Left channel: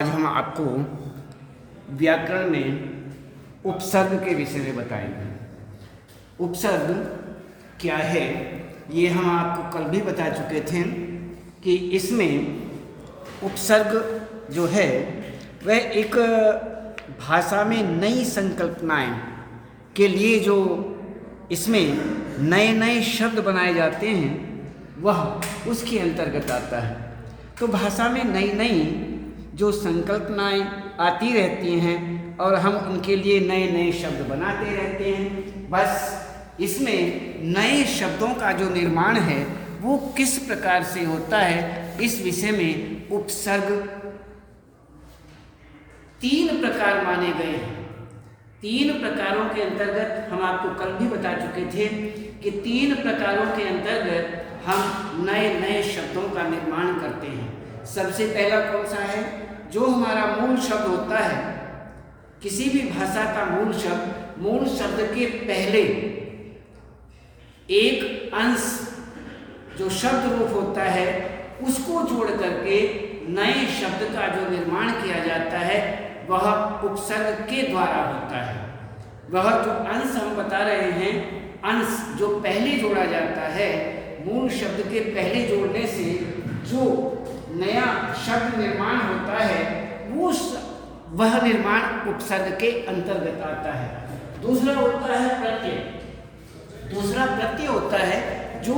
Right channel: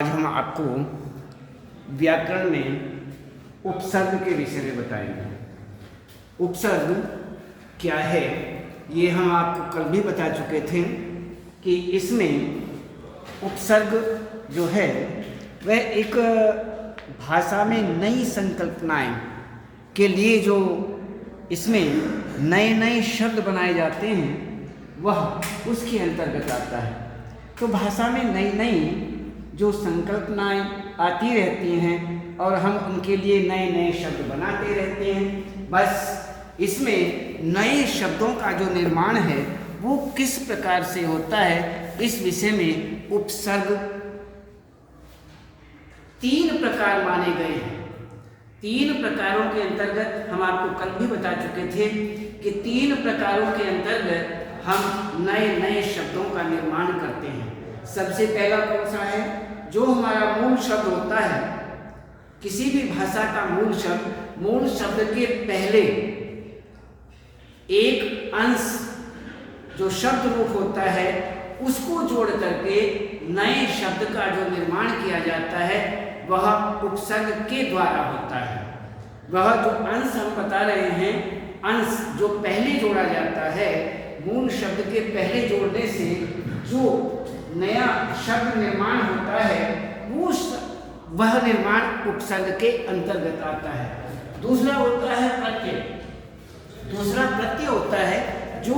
आज हम आपको व्याकरण में उपसर्ग के विषय में बताएंगे। उपसर्ग क्या है ये हम आपको कल भी बता चुके थे कि इसमें उपसर्ग जो है वह एक भाषा में नई संकल्पनाएं के लिए जो इसमें नए नए शब्द बनाए जाते हैं वह उसके अंतर्गत आता है। तो भाषा में नई नई जो संकल्पनाएं आती रहती हैं और हम उनके लिए नए नए शब्द बनाते रहते हैं। बस इसमें नए शब्दों का जो निर्माण है वो किस प्रकार से होता है, इस विषय में उपसर्ग तीन प्रकार माने गए हैं। तीन प्रकारों के अंतर्गत हम आपको कल भी बता चुके थे कि तीन प्रकारों के अंतर्गत हम नए नए शब्दों का निर्माण करते हैं। सबसे पहला कौन सा है? जो हमारा मूल शब्द होता है, किसी भी भाषा का मूल शब्द के पहले एक अंश जो शब्द रूप होता है उसको जोड़ करके नए शब्द का जो निर्माण किया जाता है वह उपसर्ग के द्वारा होता है। वह जो अंश हम बता रहे हैं, अंश जो पहले जोड़ा जाता है, मूल शब्द के पहले जोड़ने से जो नया शब्द निर्माण होता है वह निर्माण उपसर्ग के अंतर्गत आता है। दूसरा होता है प्रत्यय। दूसरा प्रत्यय होता है जो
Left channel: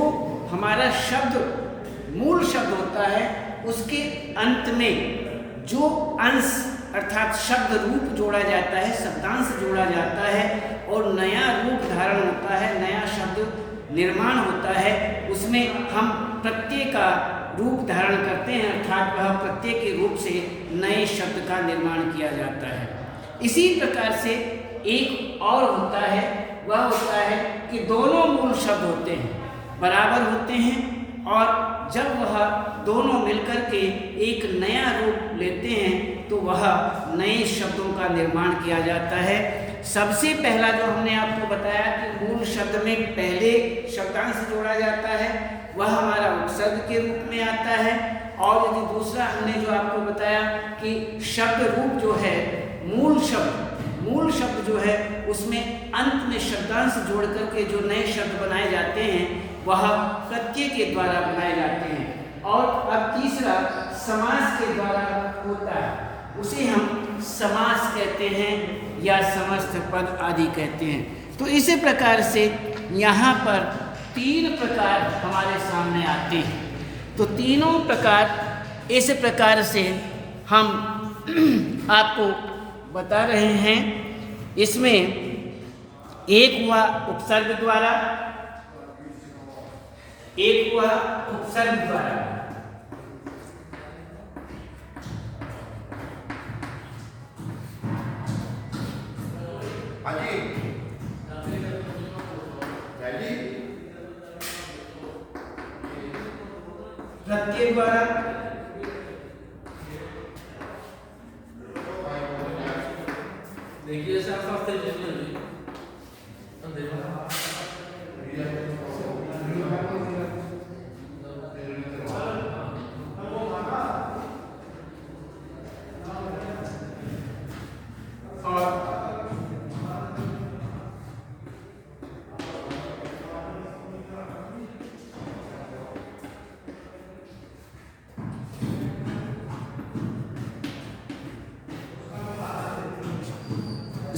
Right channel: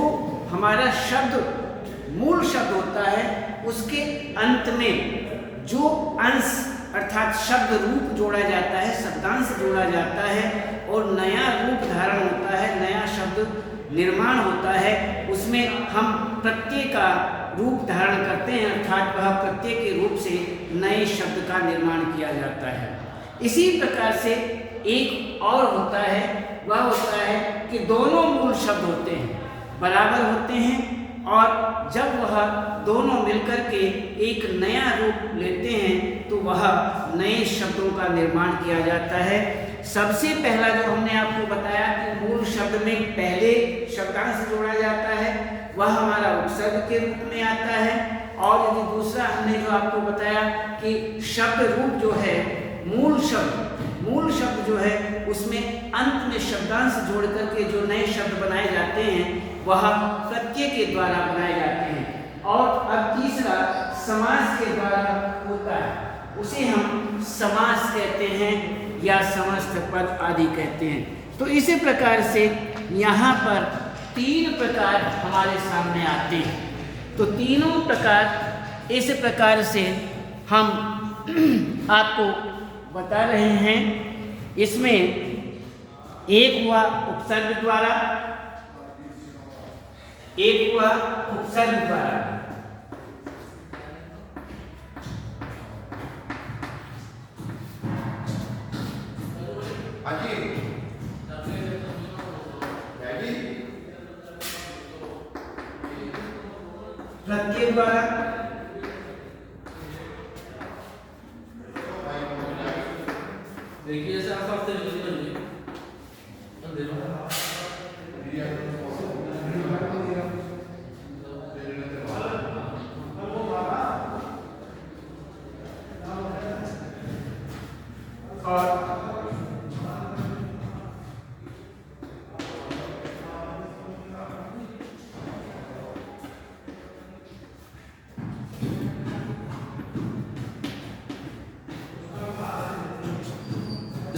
हमारा शब्द मूल शब्द होता है उसके अंत में जो अंश अर्थात शब्द रूप जोड़ा जाता है, शब्दांश जोड़ा जाता है और नया रूप धारण होता है, नया शब्द निर्माण होता है, उसमें हम प्रत्यय का रूप धारण करते हैं अर्थात वह प्रत्यय के रूप से नए शब्द का निर्माण किया जाता है। इसी प्रकार से एक और होता है, वह होता है कि दोनों मूल शब्द होते हैं, बराबर होते हैं और जब वह दोनों मिलकर के एक नया रूप लेते हैं तो वह नए शब्दों का निर्माण किया जाता है। सबसे पहला जो हमने आपको बताया कि मूल शब्द में पहले शब्दांश जोड़ा जाता है वह हमारा उपसर्ग के रूप में आता है। और यदि दूसरा हमने जो आपको बताया कि शब्द रूप जो है मूल शब्द जो है उसमें अंत में शब्दांश जोड़ करके जो नए शब्द बनाए जाते हैं वह प्रत्यय के द्वारा बनाए जाते हैं। और अब तीसरा समास के द्वारा होता है, उसे हम समास कहते हैं या समस्त पद आदि कहते हैं। तो इसी प्रकार से यहाँ पर तीन प्रकार हमारे सामने आते हैं। तो तीनों प्रकार इस प्रकार से हम आपको बता रहे हैं। इसमें एक हुआ उपसर्ग द्वारा, एक हुआ उपसर्ग द्वारा, प्रत्यय द्वारा, देखिए सर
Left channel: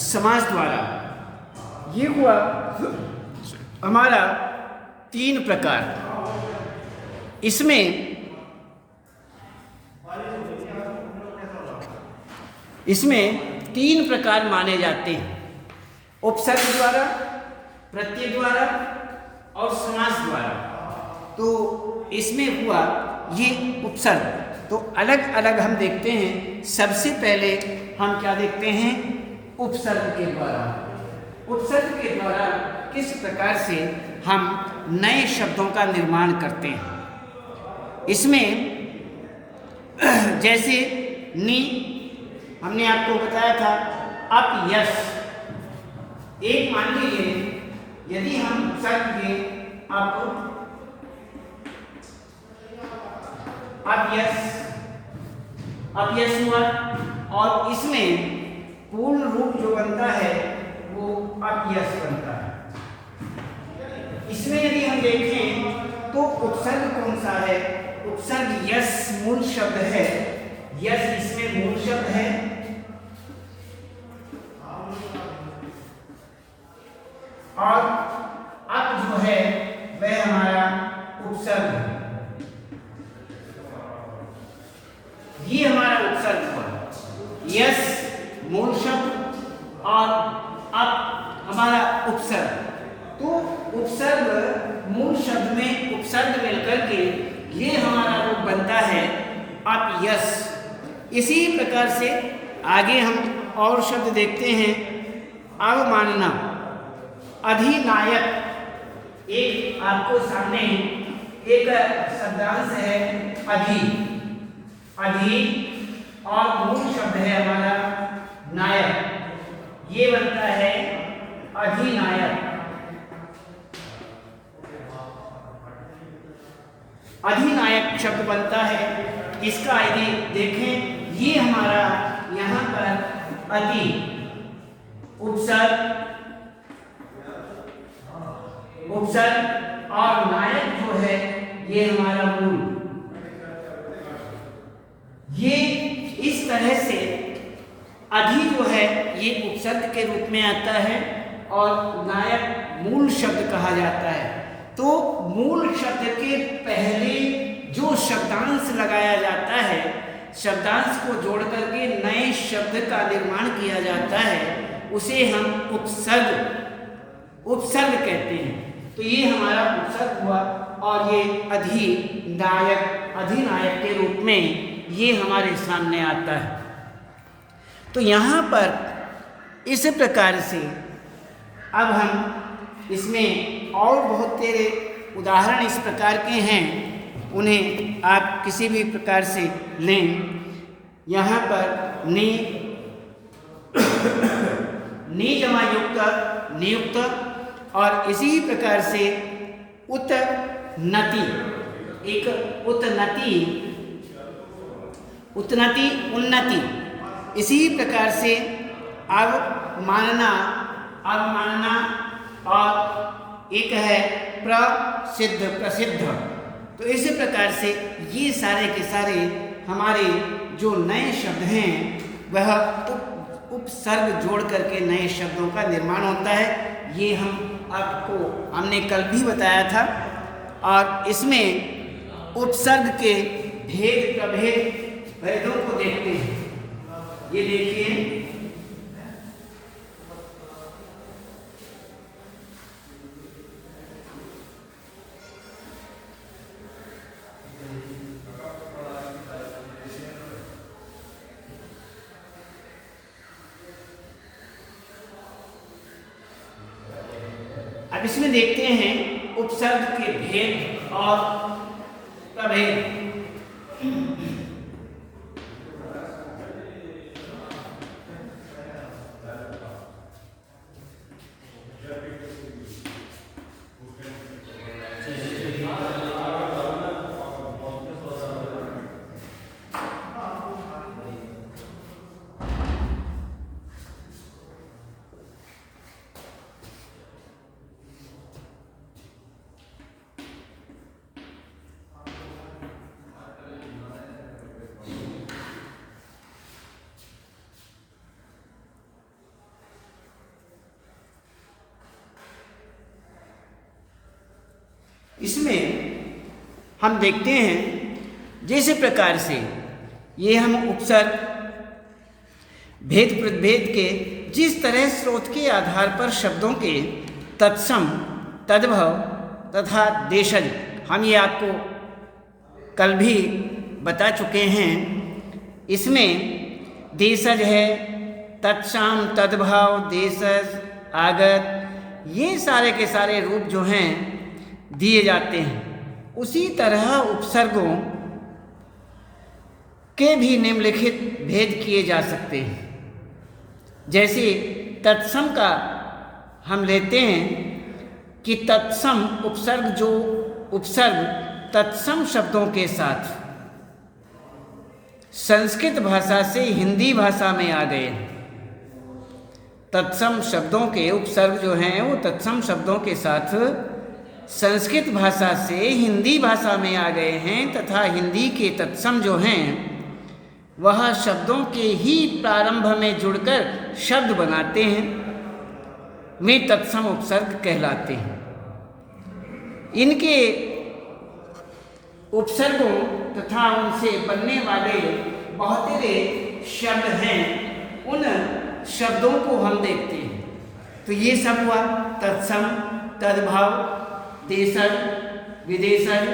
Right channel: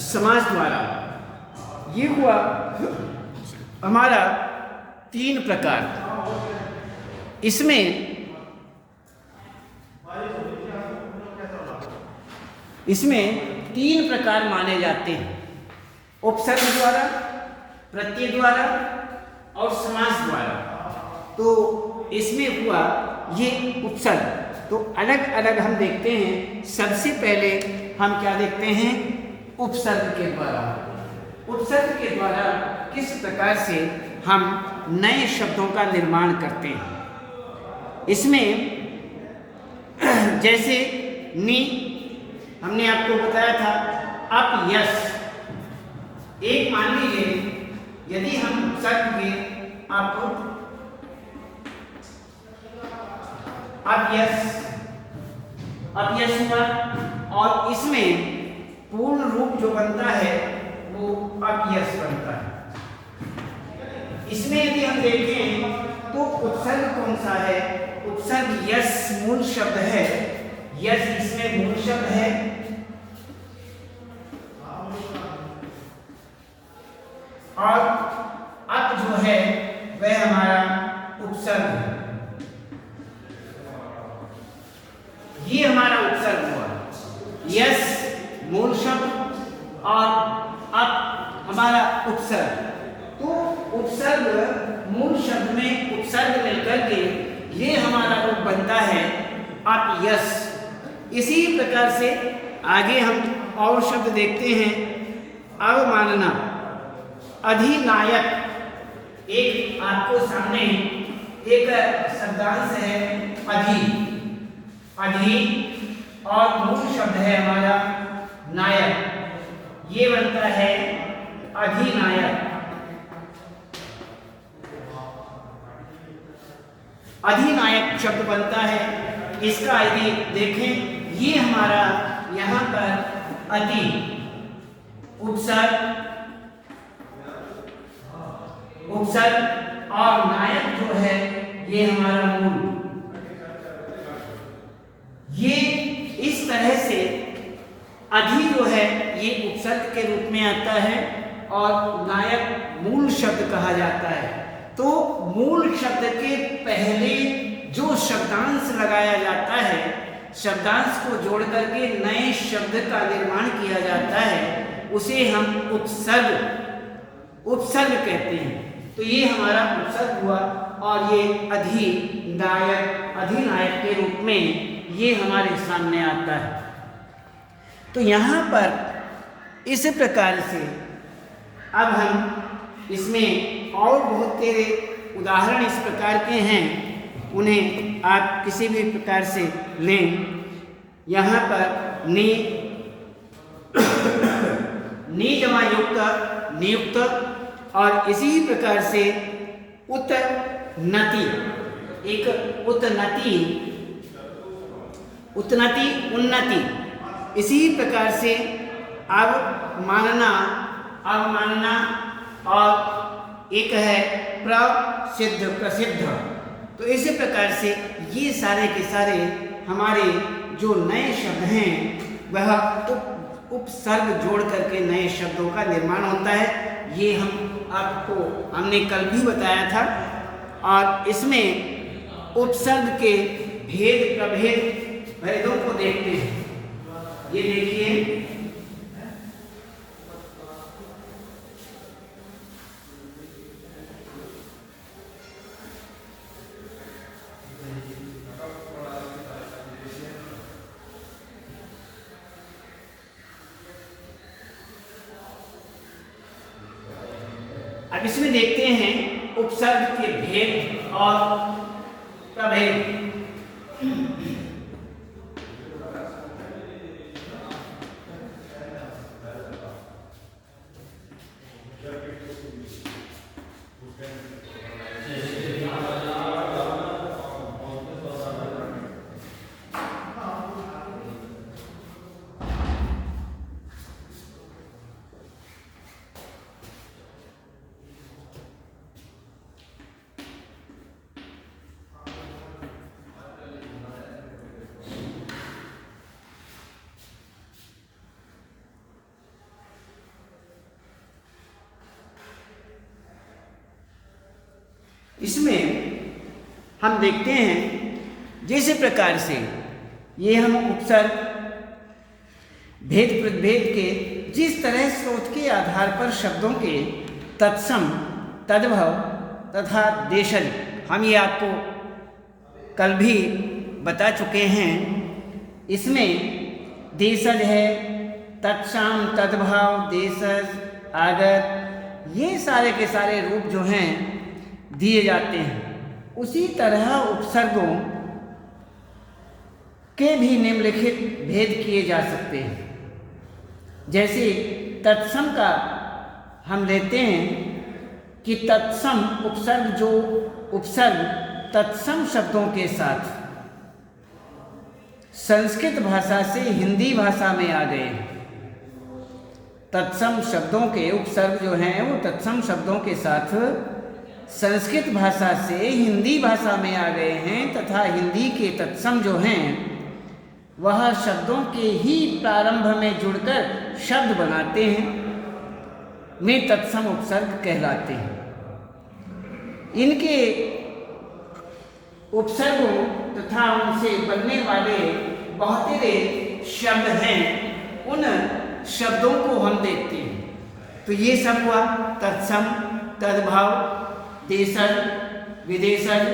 समास द्वारा। ये हुआ हमारा तीन प्रकार। इसमें तीन प्रकार माने जाते हैं, उपसर्ग द्वारा, प्रत्यय द्वारा और समास द्वारा। तो इसमें हुआ ये उपसर्ग। तो अलग अलग हम देखते हैं। सबसे पहले हम क्या देखते हैं? उपसर्ग के द्वारा। उपसर्ग के द्वारा किस प्रकार से हम नए शब्दों का निर्माण करते हैं। इसमें जैसे नी हमने आपको बताया था, अप यस। एक मान लीजिए यदि हम उपसर्ग में आपको अब यस अपयश हुआ, और इसमें पूर्ण रूप जो बनता है वो अपयश बनता है। इसमें यदि हम देखें तो उपसर्ग कौन सा है? उपसर्ग यस मूल शब्द है, यस इसमें मूल शब्द है, और अप जो है वह हमारा उपसर्ग है। ये हमारा उपसर्ग हुआ, यस मूल शब्द और अप हमारा उपसर्ग। तो उपसर्ग मूल शब्द में उपसर्ग मिलकर के ये हमारा रूप बनता है अपयश। इसी प्रकार से आगे हम और शब्द देखते हैं। अवमानना, अधिनायक, एक आपको सामने एक शब्दांश है अधि, अधि और मूल शब्द है हमारा नायक, ये बनता है अधिनायक। अधिनायक शब्द बनता है। इसका यदि देखें, ये हमारा यहाँ पर अति उपसर्ग, उपसर्ग और नायक जो है ये हमारा मूल। ये इस तरह से अधि जो है ये उपसर्ग के रूप में आता है और नायक मूल शब्द कहा जाता है। तो मूल शब्द के पहले जो शब्दांश लगाया जाता है, शब्दांश को जोड़ करके नए शब्द का निर्माण किया जाता है, उसे हम उपसर्ग, उपसर्ग कहते हैं। तो ये हमारा उपसर्ग हुआ और ये अधिनायक, अधिनायक के रूप में ये हमारे सामने आता है। तो यहाँ पर इस प्रकार से अब हम इसमें और बहुत तेरे उदाहरण इस प्रकार के हैं, उन्हें आप किसी भी प्रकार से लें। यहाँ पर नी जमा युक्त, नियुक्त, और इसी प्रकार से उतनति, एक उतनति, उतनति, उन्नति। इसी प्रकार से अवमानना, अवमानना, और एक है प्रसिद्ध, प्रसिद्ध। तो इसी प्रकार से ये सारे के सारे हमारे जो नए शब्द हैं वह उपसर्ग जोड़ करके नए शब्दों का निर्माण होता है। ये हमने कल भी बताया था। और इसमें उपसर्ग के भेदों को देखते हैं। ये देखिए, अब इसमें देखते हैं उपसर्ग के भेद और प्रभेद। इसमें हम देखते हैं जैसे प्रकार से ये हम उपसर्ग भेद प्रभेद के जिस तरह स्रोत के आधार पर शब्दों के तत्सम, तद्भव तथा देशज, हम ये आपको कल भी बता चुके हैं। इसमें देशज है, तत्सम, तद्भव, देशज, आगत, ये सारे के सारे रूप जो हैं दिए जाते हैं। उसी तरह उपसर्गों के भी निम्नलिखित भेद किए जा सकते हैं। जैसे तत्सम का हम लेते हैं कि तत्सम उपसर्ग, जो उपसर्ग तत्सम शब्दों के साथ संस्कृत भाषा से हिंदी भाषा में आ गए। तत्सम शब्दों के उपसर्ग जो हैं वो तत्सम शब्दों के साथ संस्कृत भाषा से हिंदी भाषा में आ गए हैं तथा हिंदी के तत्सम जो हैं वह शब्दों के ही प्रारंभ में जुड़कर शब्द बनाते हैं, वे तत्सम उपसर्ग कहलाते हैं। इनके उपसर्गों तथा उनसे बनने वाले बहुत से शब्द हैं, उन शब्दों को हम देखते हैं। तो ये सब हुआ तत्सम, तद्भाव, देशज, विदेशज,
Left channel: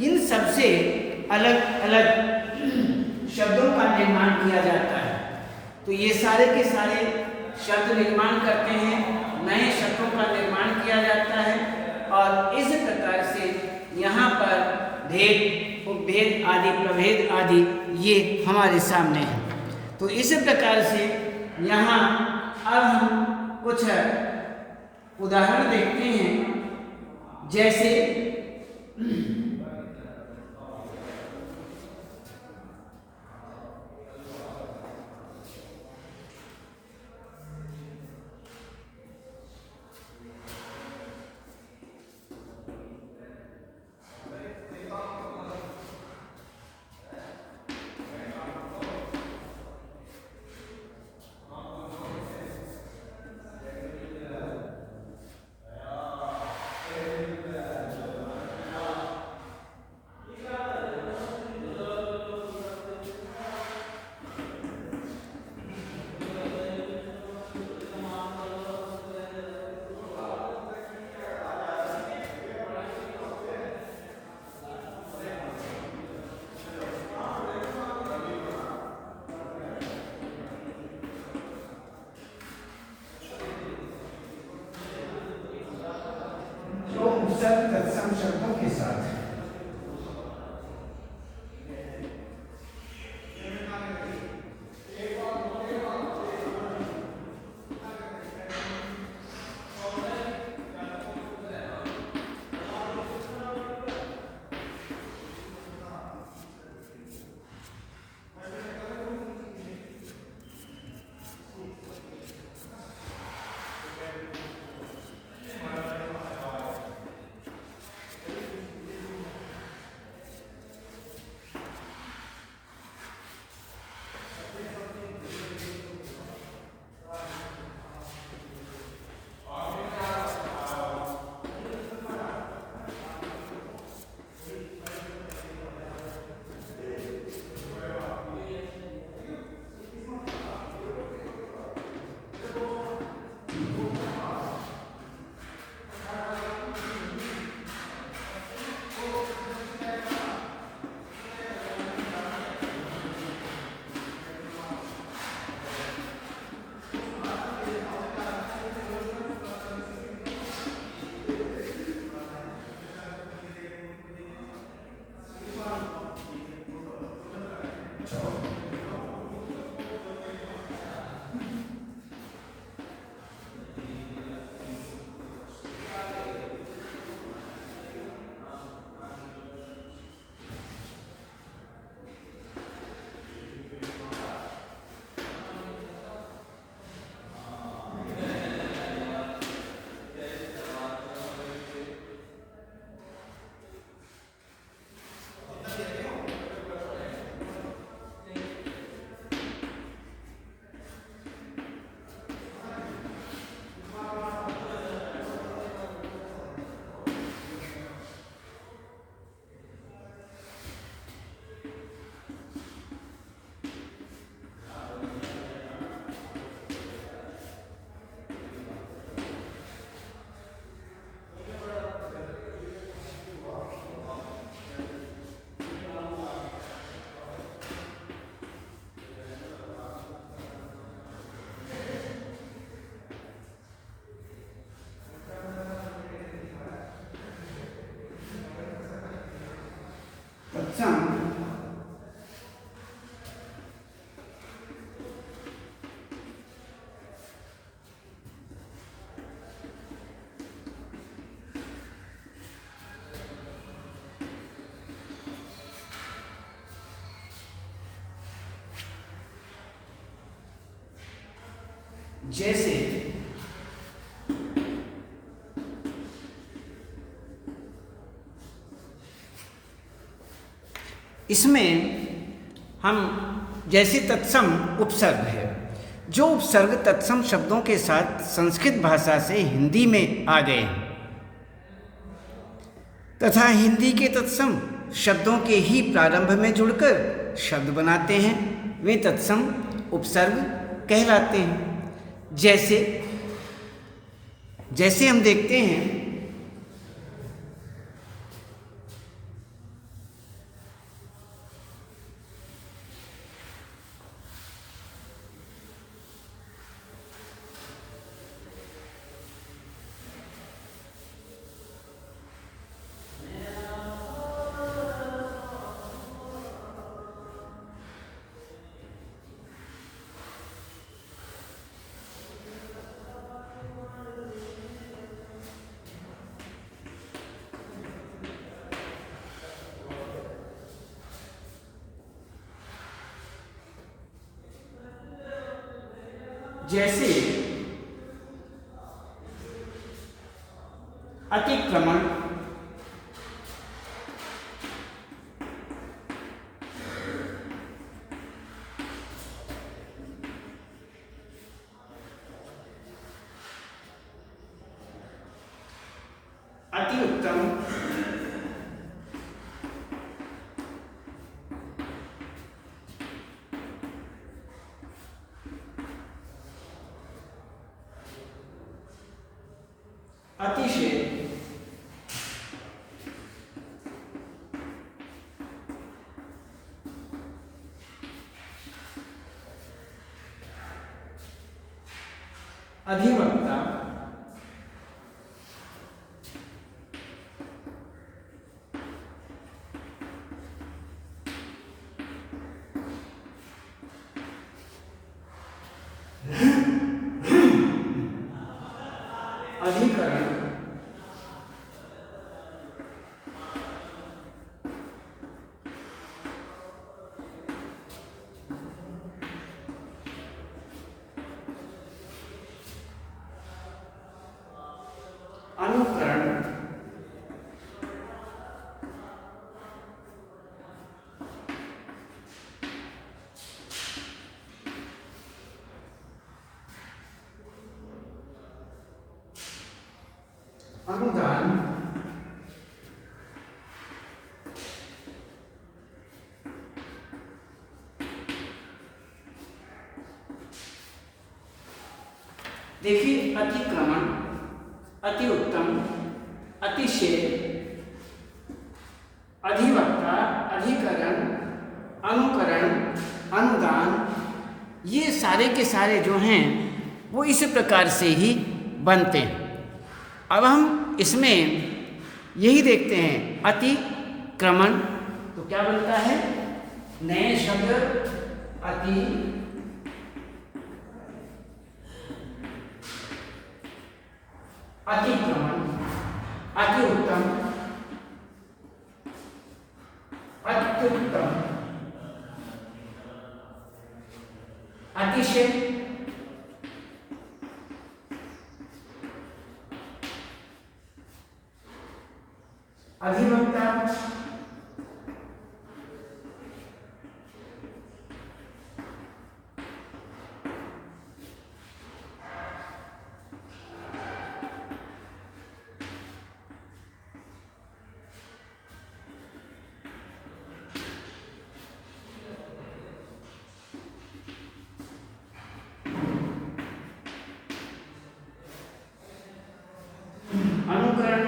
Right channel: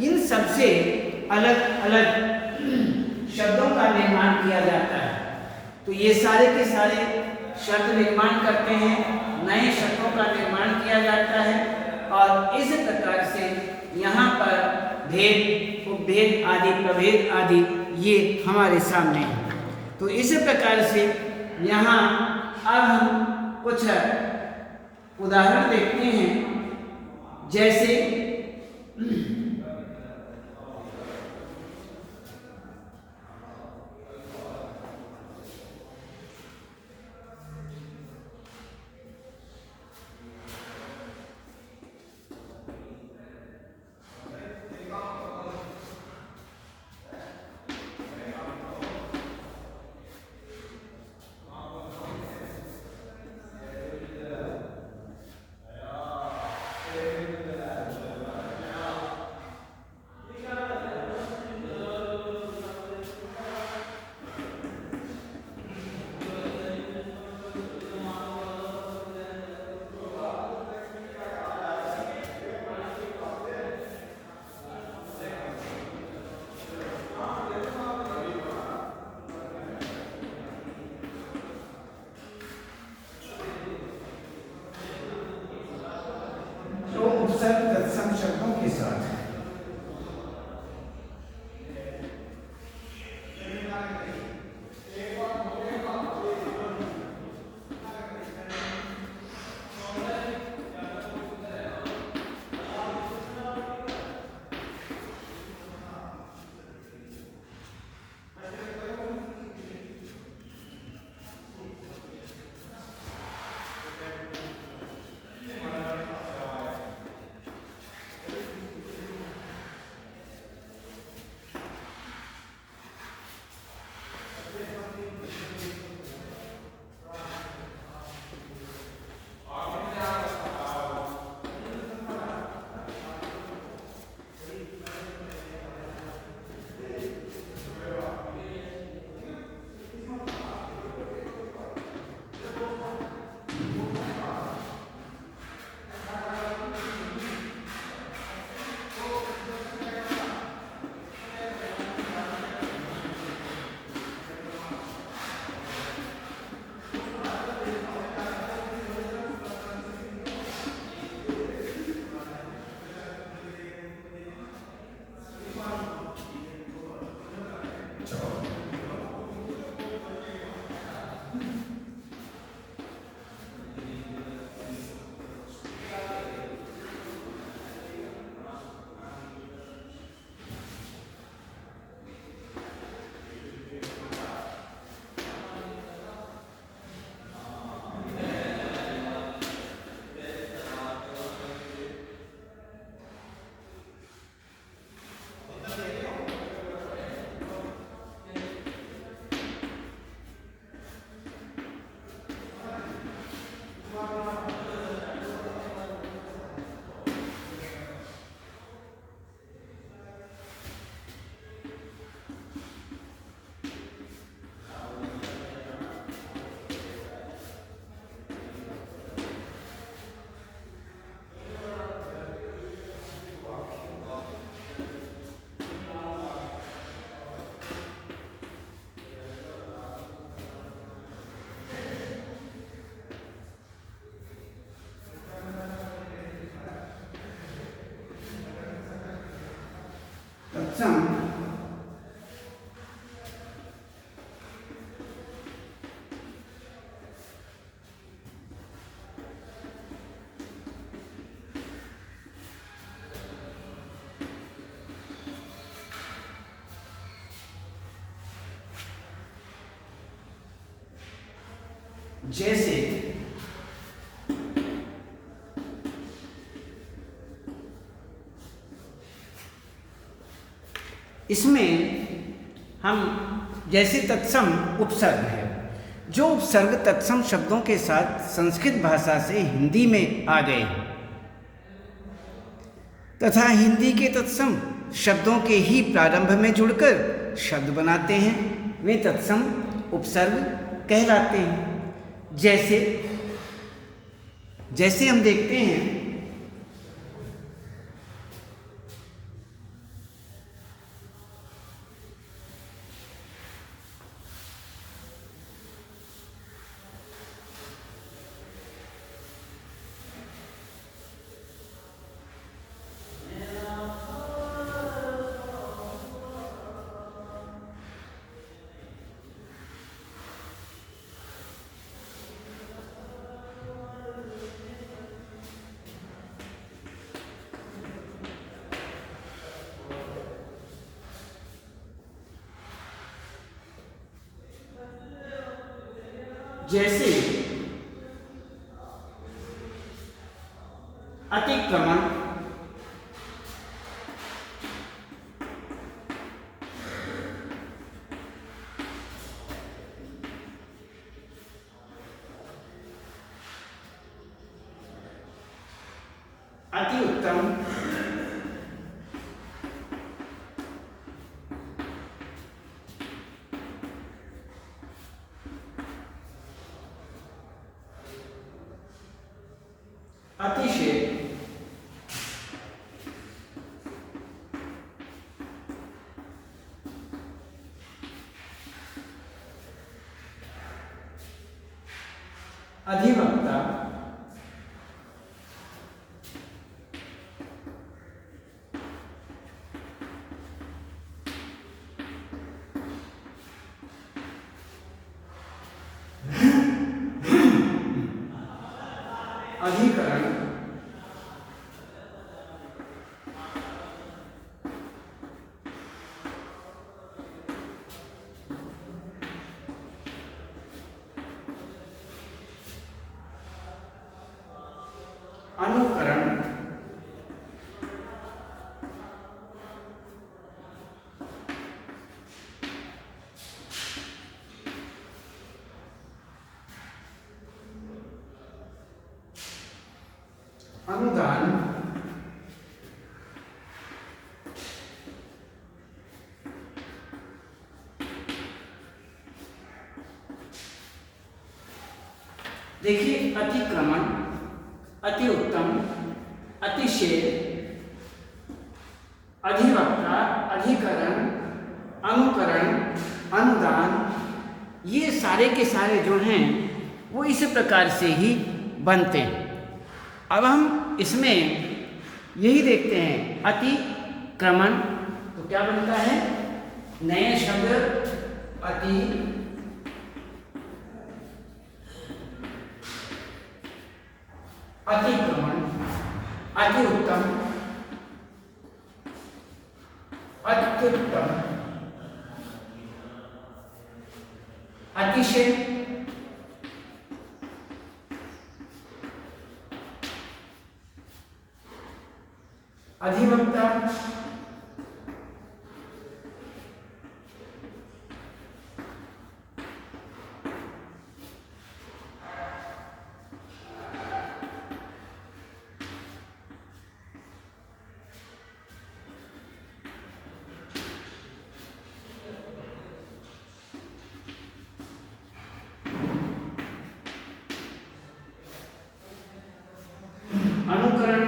इन सबसे अलग अलग शब्दों का निर्माण किया जाता है। तो ये सारे के सारे शब्द निर्माण करते हैं, नए शब्दों का निर्माण किया जाता है और इस प्रकार से यहाँ पर भेद, उपभेद आदि, प्रभेद आदि ये हमारे सामने है। तो इस प्रकार से यहाँ अब हम कुछ उदाहरण देखते हैं। जैसे उपसर्ग तत्सम शब्दों के साथ तत्सम जैसे इसमें हम जैसे तत्सम उपसर्ग है, जो उपसर्ग तत्सम शब्दों के साथ संस्कृत भाषा से हिंदी में आ गए तथा हिंदी के तत्सम शब्दों के ही प्रारंभ में जुड़कर शब्द बनाते हैं, वे तत्सम उपसर्ग कहलाते हैं। जैसे हम देखते हैं जैसे अतिक्रमण, अति उत्तम, अतिशय, अधिवक्ता, अधिकरण, अनुकरण, अनुदान, देखिए अतिक्रमण, अति उत्तम, अतिशय, अधिवक्ता, अधिकरण, अनुकरण, अनुदान, ये सारे के सारे जो हैं वो इस प्रकार से ही बनते हैं। अब हम इसमें यही देखते हैं अतिक्रमण तो क्या बनता है, नए शब्द अति, अतिक्रमण, अति उत्तम, अत्युत्तम, अतिशय, अधिवक्ता, अनुकरण,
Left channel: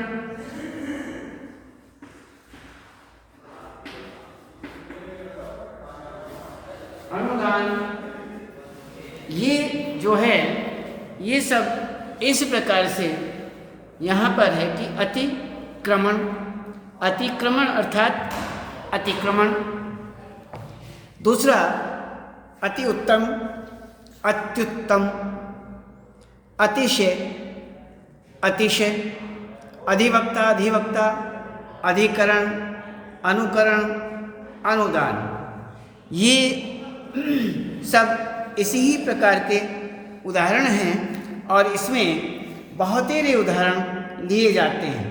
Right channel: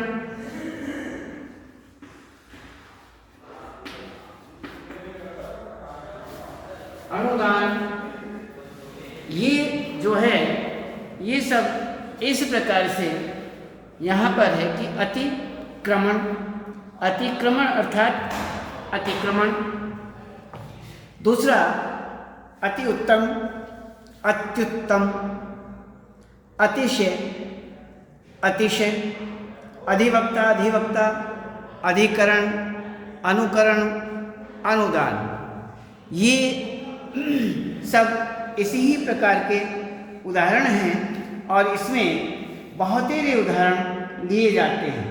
अनुदान, ये जो है ये सब इस प्रकार से यहाँ पर है कि अतिक्रमण, अतिक्रमण अर्थात अतिक्रमण। दूसरा अति उत्तम, अत्युत्तम, अतिशय, अतिशय, अधिवक्ता, अधिवक्ता, अधिकरण, अनुकरण, अनुदान, ये सब इसी ही प्रकार के उदाहरण हैं और इसमें बहुतेरे उदाहरण लिए जाते हैं।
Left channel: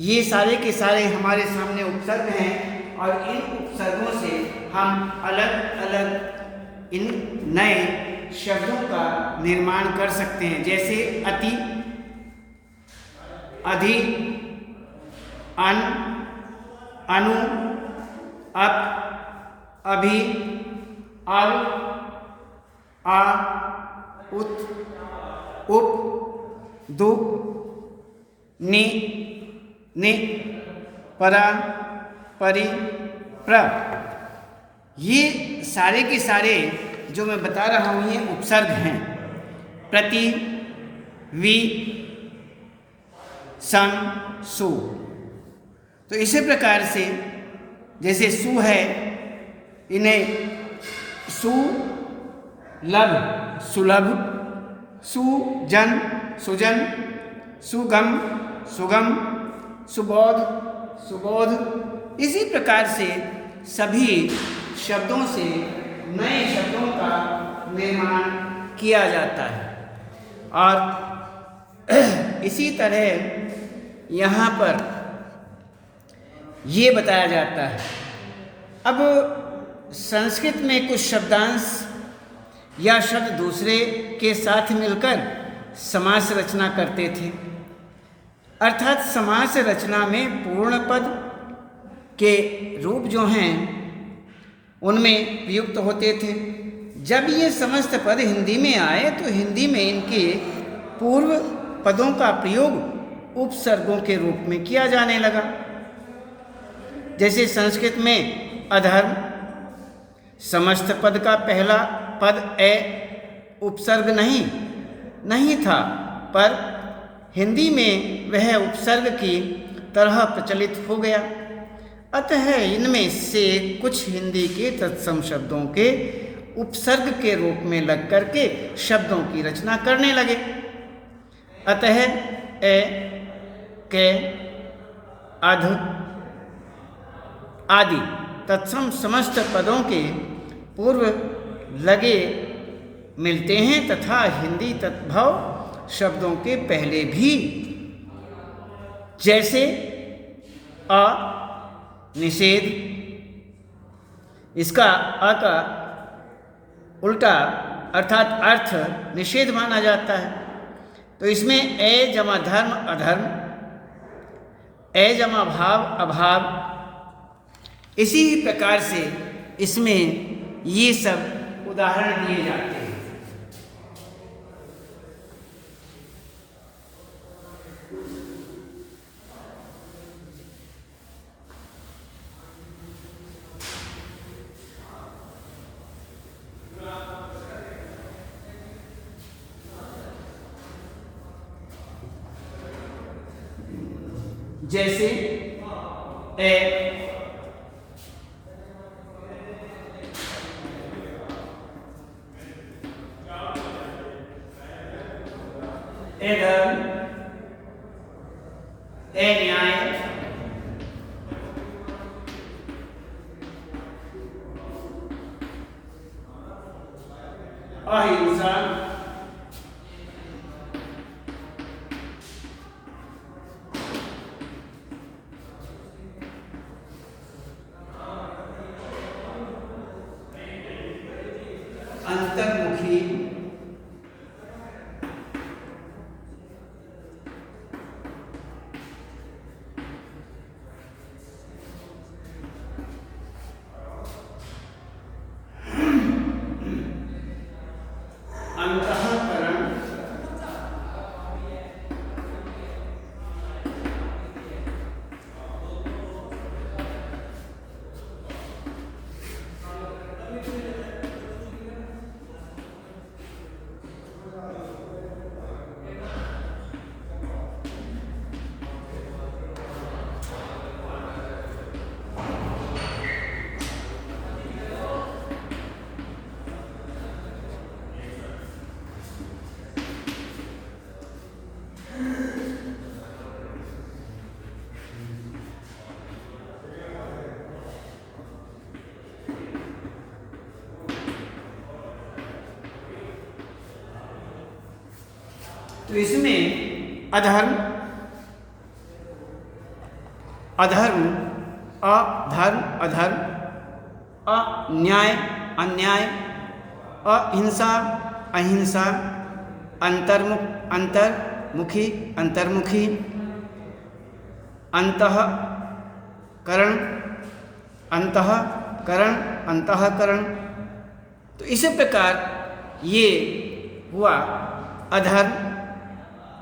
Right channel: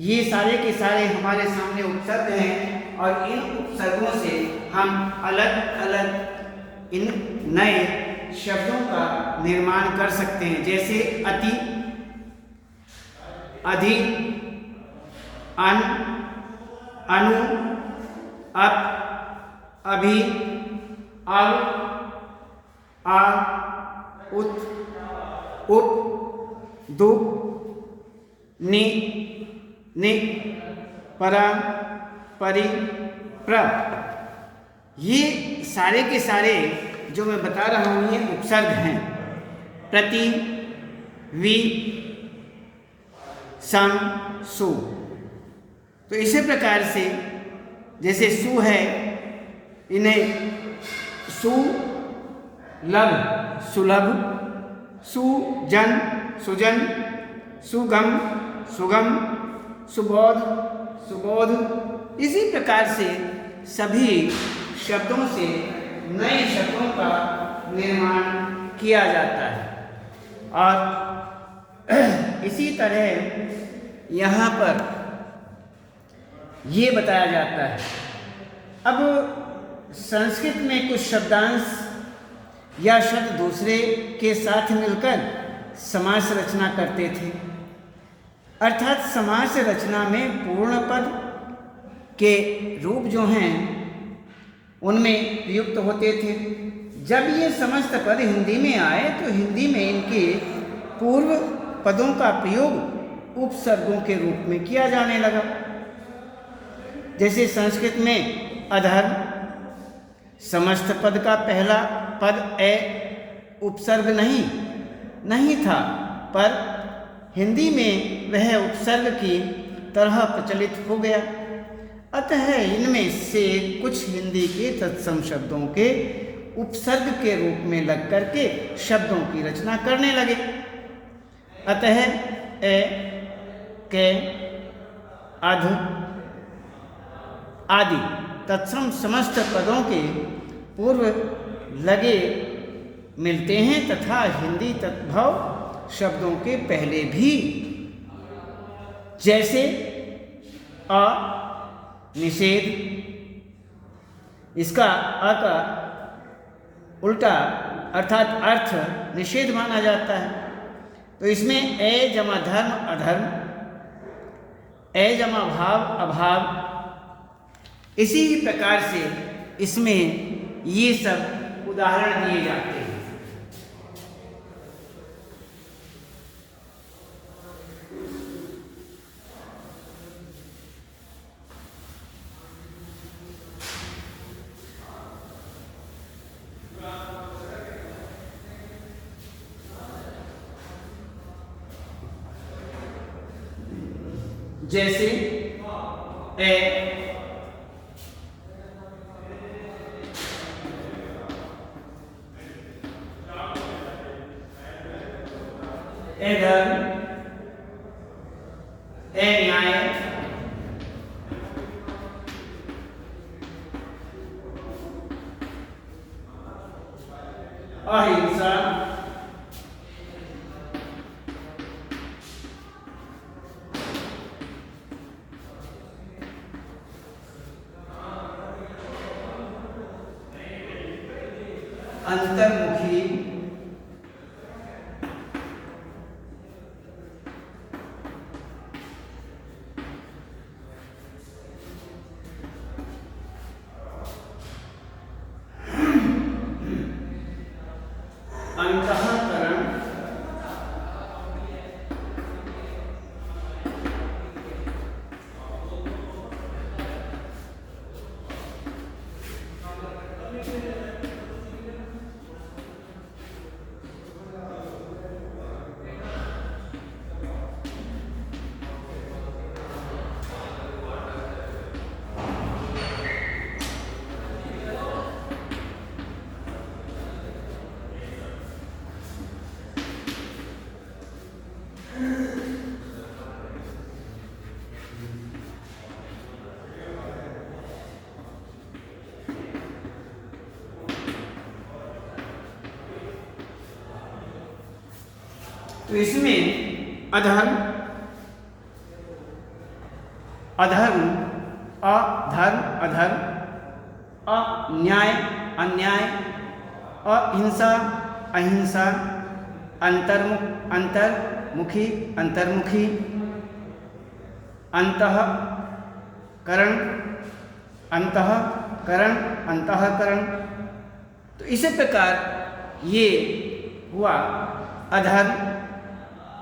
ये सारे के सारे हमारे सामने उपसर्ग हैं और इन उपसर्गों से हम अलग अलग इन नए शब्दों का निर्माण कर सकते हैं, जैसे अति, अधि, अन, अनु, अप, अभि, अव, आ, उत, उप, दु, नि, नि, परा, परि, प्र। ये सारे के सारे जो मैं बता रहा हूँ ये उपसर्ग हैं। प्रति, वि, सम, सु। तो इसी प्रकार से जैसे सु है, इन्हें सुलभ, सुलभ, सुजन, सुजन, सुगम, सुगम, सुबोध, सुबोध। इसी प्रकार से सभी शब्दों से नए शब्दों का निर्माण किया जाता है। और इसी तरह यहाँ पर ये बताया जाता है। अब संस्कृत में कुछ शब्दांश या शब्द दूसरे के साथ मिलकर समास रचना करते थे, अर्थात समास रचना में पूर्ण पद के रूप जो हैं उनमें प्रयुक्त होते थे। जब ये समस्त पद हिंदी में आए तो हिंदी में इनके पूर्व पदों का प्रयोग उपसर्गों के रूप में किया जाने लगा। जैसे संस्कृत में अधर्म, समस्त पद का पहला पद ए उपसर्ग नहीं था, पर हिंदी में वह उपसर्ग की तरह प्रचलित हो गया। अतः इनमें से कुछ हिंदी के तत्सम शब्दों के उपसर्ग के रूप में लग करके शब्दों की रचना करने लगे। अतः ए, के, अध आदि तत्सम समस्त पदों के पूर्व लगे मिलते हैं तथा हिंदी तद्भव शब्दों के पहले भी, जैसे अ निषेध, इसका अ का उल्टा अर्थात अर्थ निषेध माना जाता है। तो इसमें ए जमा धर्म अधर्म, ए जमा भाव अभाव, इसी प्रकार से इसमें ये सब उदाहरण दिए जाते हैं। जैसे ए, धर्म, ए न्याय, अहिंसा, अंतर्मुखी, अंतःकरण, तो इसमें अधर्म, अधर्म, अधर्म, अधर्म, अन्याय, अन्याय, अहिंसा, अहिंसा, अंतर्मुखी, अंतर्मुखी, अंतःकरण, अंतःकरण, अंतःकरण। तो इसी प्रकार ये हुआ अधर्म,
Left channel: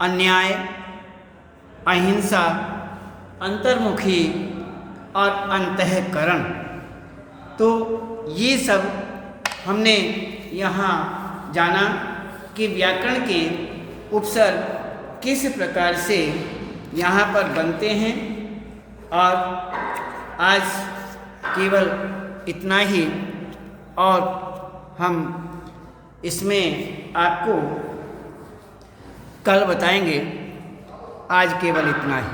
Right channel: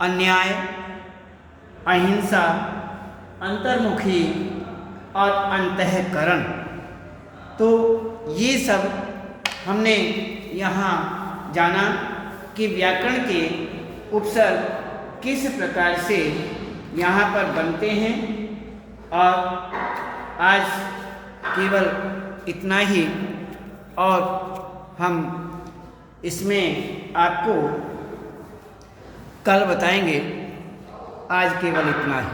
अन्याय, अहिंसा, अंतर्मुखी और अंतःकरण। तो ये सब हमने यहाँ जाना कि व्याकरण के उपसर्ग किस प्रकार से यहाँ पर बनते हैं। और आज केवल इतना ही, और हम इसमें आपको कल बताएंगे। आज केवल इतना ही।